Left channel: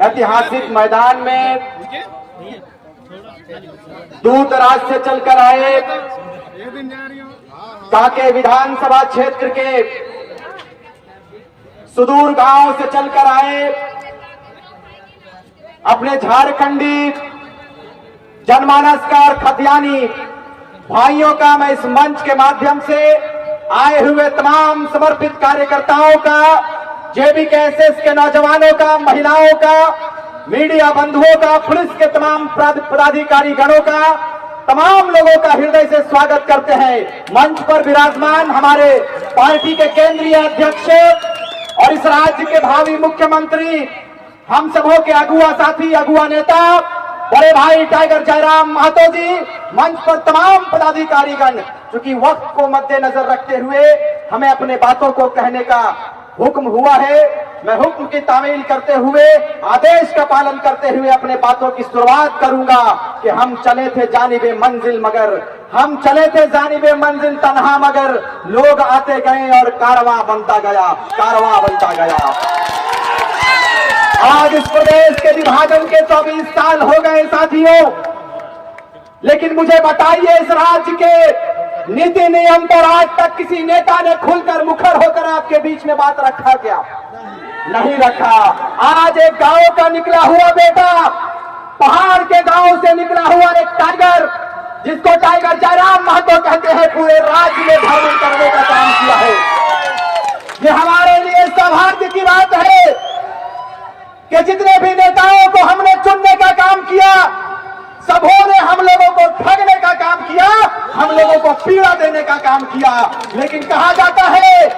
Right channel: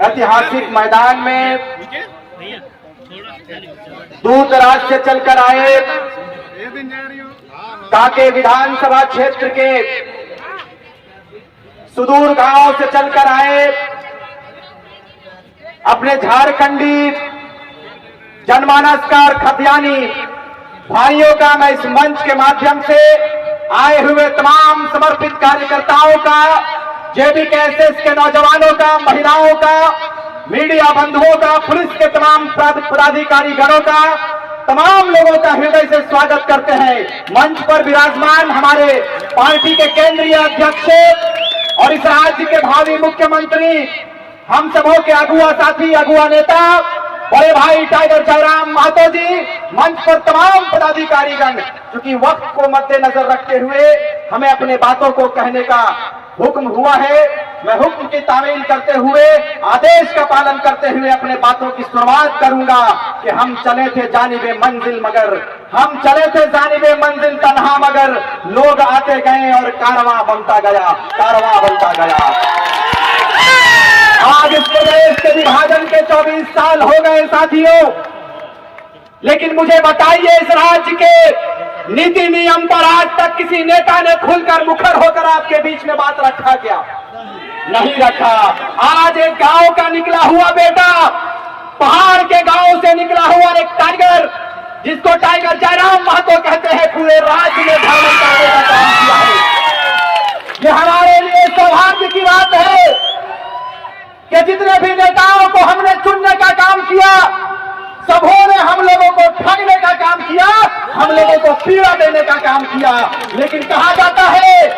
ऐतिहासिक मैदान में दूर दराज से चलकर आए कांके विधानसभा क्षेत्र के सुदूर गांव से चलकर आए अपने झारखंडी जनमानस का और खतियानी भाइयों का मैं इस मंच के माध्यम से आए हुए तमाम समर्पित कार्यकर्ताओं का, जेबीकेएसएस के नौजवानों का, महिलाओं का, मीडिया बंधुओं का, पुलिस के तमाम पदाधिकारी गणों का, तमाम लोगों का हृदय से स्वागत करते हैं। मंच पर विराजमान हमारे पार्टी के केंद्रीय अध्यक्ष और इस राज्य के भावी मुख्यमंत्री, हम सबों के अगुआ साथी, अगुआ नेता बड़े भाई टाइगर जयराम महतो जी, मंच पर तमाम पदाधिकारीगण, चूंकि वक्त को मद्देनजर रखते हुए हमें अपने बातों को कहने का हुक्म हुआ है। मैं हुक्म की तामील करते हुए, आदेश का पालन करते हुए अपने बातों की शुरुआत करूंगा कि हम चले थे जानिबे मंजिल मगर, हम चले थे जानिबे मंजिल तन्हा मगर, लोग आते गए और कारवां बनता गया, कारवां बनता गया। आज इस प्रदेश के विभाजन के 24 साल हो गए साथियों, लेकिन मुझे बताइए इस राज्य के नीति नियम पर आज तक किसी नेता ने खुलकर मुखर होकर आपके बीच में बात रखा क्या? नहीं रखा। आज एक गांव का निकला हुआ बेटा, पहाड़ के गांव से निकला हुआ एक टाइगर, जिसको टाइगर जयराम महतो कहते हैं, पूरे राज्य में भ्रमण करने का काम किया है। ये हमारे लिए सौभाग्य की बात है कि जितने भी नेताओं को हमने चुनने का काम किया, सबों ने हम लोगों को ठगने का काम किया, हम लोगों को पीड़ा देने का काम किया। लेकिन कहा जाता है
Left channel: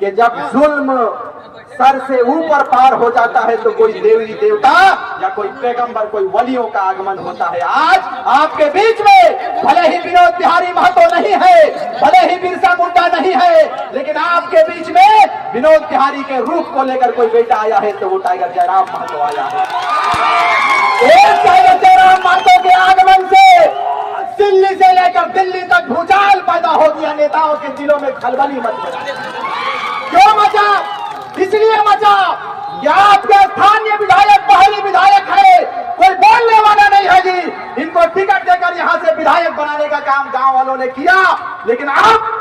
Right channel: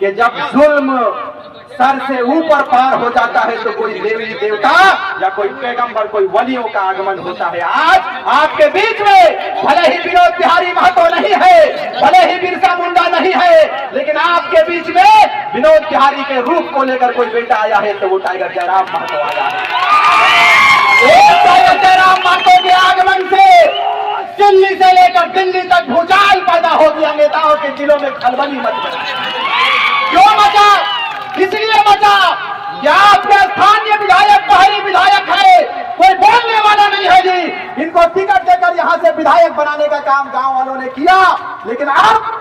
कि जब जुल्म सर से ऊपर पार हो जाता है तो कोई देवी देवता या कोई पैगंबर, कोई वलियों का आगमन होता है। आज आपके बीच में भले ही विनोद बिहारी महतो नहीं है, भले ही बिरसा मुंडा नहीं है, लेकिन आपके बीच में विनोद बिहारी के रूप को लेकर कोई बेटा आया है तो वो टाइगर जयराम महतो आया है। एक टाइगर जयराम महतो के आगमन से दिल्ली से लेकर दिल्ली तक भूचाल पैदा हो गया, नेताओं के दिलों में खलबली मच गई। क्यों मचा? इसलिए मचा कि आपके स्थानीय विधायक पहली विधायक है, कोई बोलने वाला नहीं है जी। इनको टिकट देकर यहां से विधायक बनाने का काम गांव वालों ने किया, लेकिन अब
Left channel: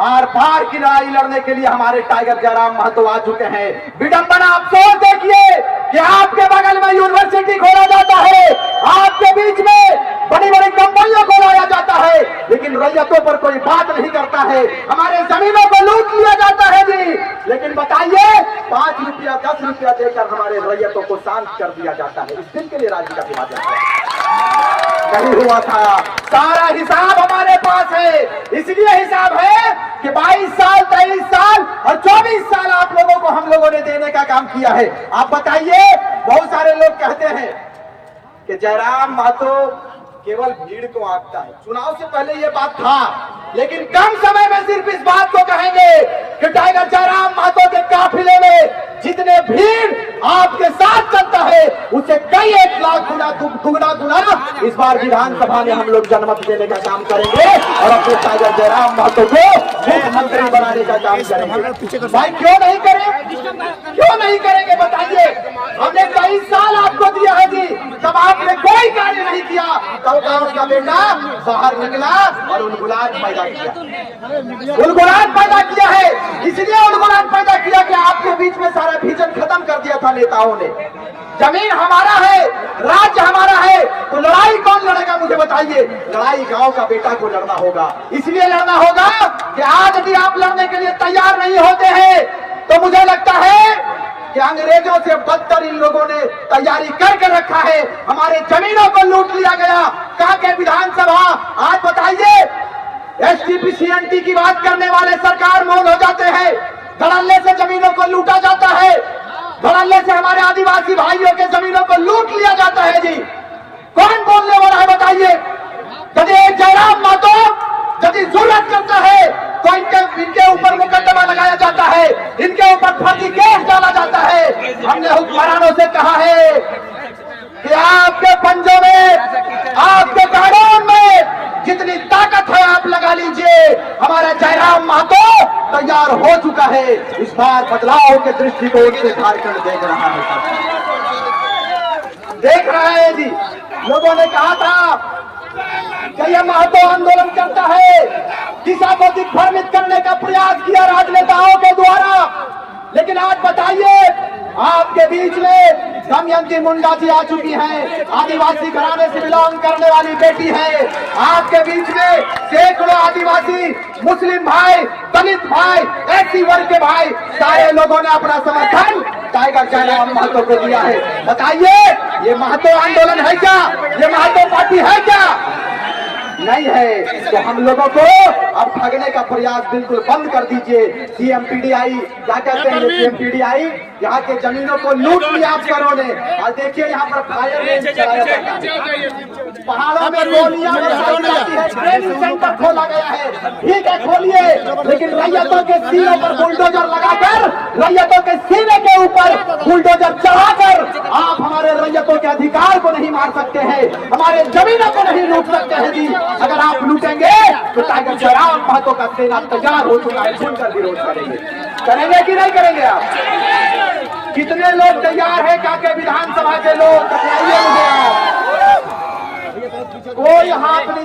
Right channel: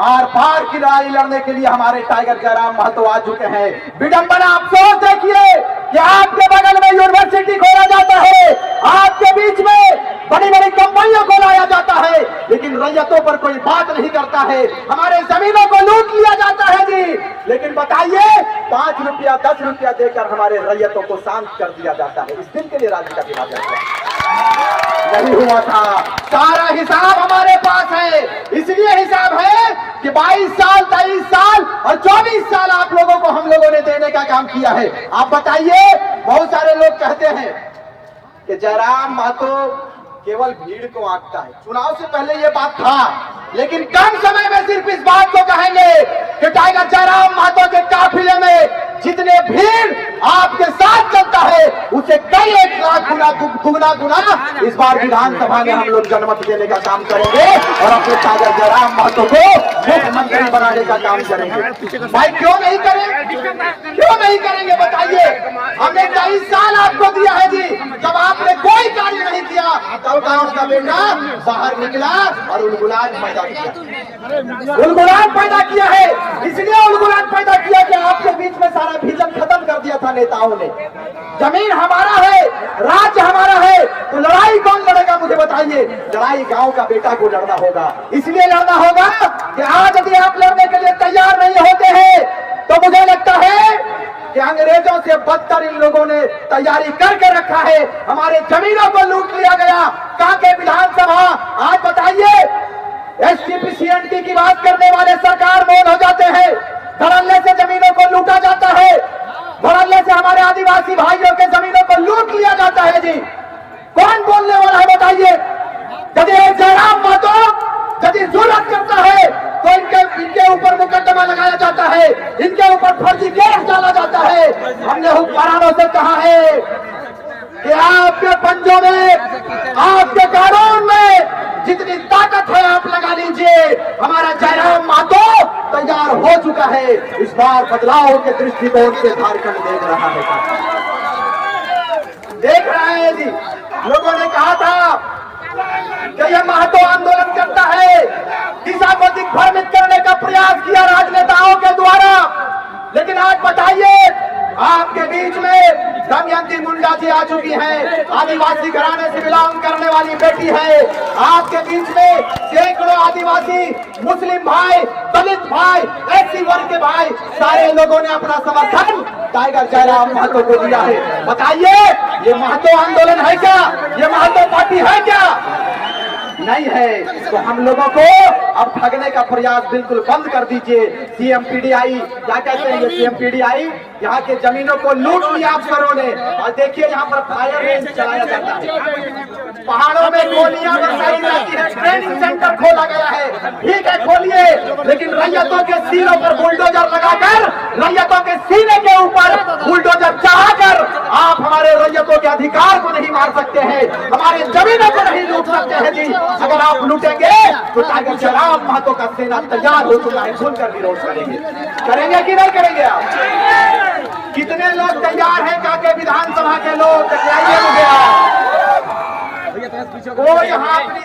आर पार की लड़ाई लड़ने के लिए हमारे टाइगर जयराम महतो आ चुके हैं। विडंबना, अफसोस देखिए कि आपके बगल में यूनिवर्सिटी खोला जाता है, आपके बीच में बड़ी बड़ी कंपनियों को लाया जाता है, लेकिन रैयतों पर कोई बात नहीं करता है। हमारे जमीनों को लूट लिया जाता है जी, लेकिन बताइए 5 रुपया 10 रुपया देकर हमारे रैयतों को शांत कर दिया जाता है। इस दिन के लिए राज्य का विभाजन नहीं हुआ था। सारा हिसाब हमारे पास है। इसलिए हिसाब है कि 22 साल 23 साल और 24 साल आप लोगों को हम लोगों ने देने का काम किया है। आप बताइए, बहुत सारे लोग कहते हैं कि जयराम महतो केवल भीड़ को आंकता है। चुनाव से पहले ये बात था, लेकिन कम समय में सिर्फ इस बात को कहेंगे कि टाइगर जयराम महतो के काफिले में जितने भीड़ आपके साथ चलता है, उसे कई 1 लाख गुना गुना इस बार विधानसभा में हम लोग जनमत देने का काम करेंगे और अपने टाइगर जयराम महतो को मुख्यमंत्री बनाने का काम करेंगे। भाई क्यों नहीं करें? क्यों नहीं करेंगे बताइए? हमने 23 साल आपको दिया है जी, जब आपने कोई कार्य नहीं किया तब गांव का बेटा बाहर निकला और उलगुलाट पैदा किया, उलगुलाट पैदा किया है। इसलिए उलगुलाट पैदा किया कि आपके बीच में सारा विजन खत्म कर दिया था नेताओं ने। जमीन हमारा है, राज्य हमारा है, तो लड़ाई कौन लड़ेगा मुझे बताइए? लड़ाई गांव का बेटा को लड़ना होगा। इसलिए लड़ना होगा कि आज यदि आप लड़ने के लिए तैयार नहीं होते हैं तो मुझे लगता है कि अंग्रेजों से बदतर इन लोगों ने तैयारी करके रखा है। हमारे जमीनों को लूट लिया गया। कांके विधानसभा, आज बताइए, एसटीपीसीएनटी की बात करने वाले सरकार मौन हो जाते हैं। धड़ल्ले से जमीनों को लूटा जाता है, धड़ल्ले से हमारे आदिवासी भाइयों के जमीनों को लूट लिया जाता है जी। कौन बोलने वाला है बताइए? यदि जयराम महतो यदि जरूरत करता है तो इनके ऊपर मुकदमा लगाया जाता है, इनके ऊपर फर्जी केस डाला जाता है। हमने हुक्मरानों से कहा है कि आपके पंजों में, आपके कानून में जितनी ताकत है आप लगा लीजिए। हमारा जयराम महतो तैयार हो चुका है। इस बार बदलाव के दृष्टिकोण से झारखंड देख रहा है देख रहा है जी। लोगों ने कहा था कि यह महतो आंदोलन करता है, दिशा को दिग्भ्रमित करने का प्रयास किया राजनेताओं के द्वारा, लेकिन आज बताइए आपके बीच में दमयंती मुंडा जी आ चुकी हैं, आदिवासी घराने से बिलोंग करने वाली बेटी है। आपके बीच में सैकड़ों आदिवासी, मुस्लिम भाई, दलित भाई, एससी वर्ग के भाई, सारे लोगों ने अपना समर्थन टाइगर जयराम महतो को दिया है। बताइए ये महतो आंदोलन है क्या? ये महतो पार्टी है क्या? नहीं है। तो हम लोगों को अब ठगने का प्रयास बिल्कुल बंद कर दीजिए। सीएमपीडीआई क्या कहते हैं? सीएमपीडीआई यहाँ के जमीनों को लूट लिया आप लोगों ने। और देखिए यहाँ पर फायर रेंज चलाया जाता है, पहाड़ों में गोलियां बरसाई जाती है, ट्रेनिंग सेंटर खोला गया है। ठीक है खोलिए, लेकिन रैयतों के सीनों पर बुलडोजर लगाकर, रैयतों के सीने के ऊपर बुलडोजर चढ़ाकर आप हमारे रैयतों के अधिकार को नहीं मार सकते हैं, हमारे जमीनों को नहीं लूट सकते हैं जी। अगर आप लूटेंगे तो टाइगर जयराम महतो का सेना तैयार हो चुका है, खुलकर विरोध करेंगे। करेंगे कि नहीं करेंगे? आप कितने लोग तैयार है? काके विधानसभा के लोग, बताइए मुझे आप। कोई यहाँ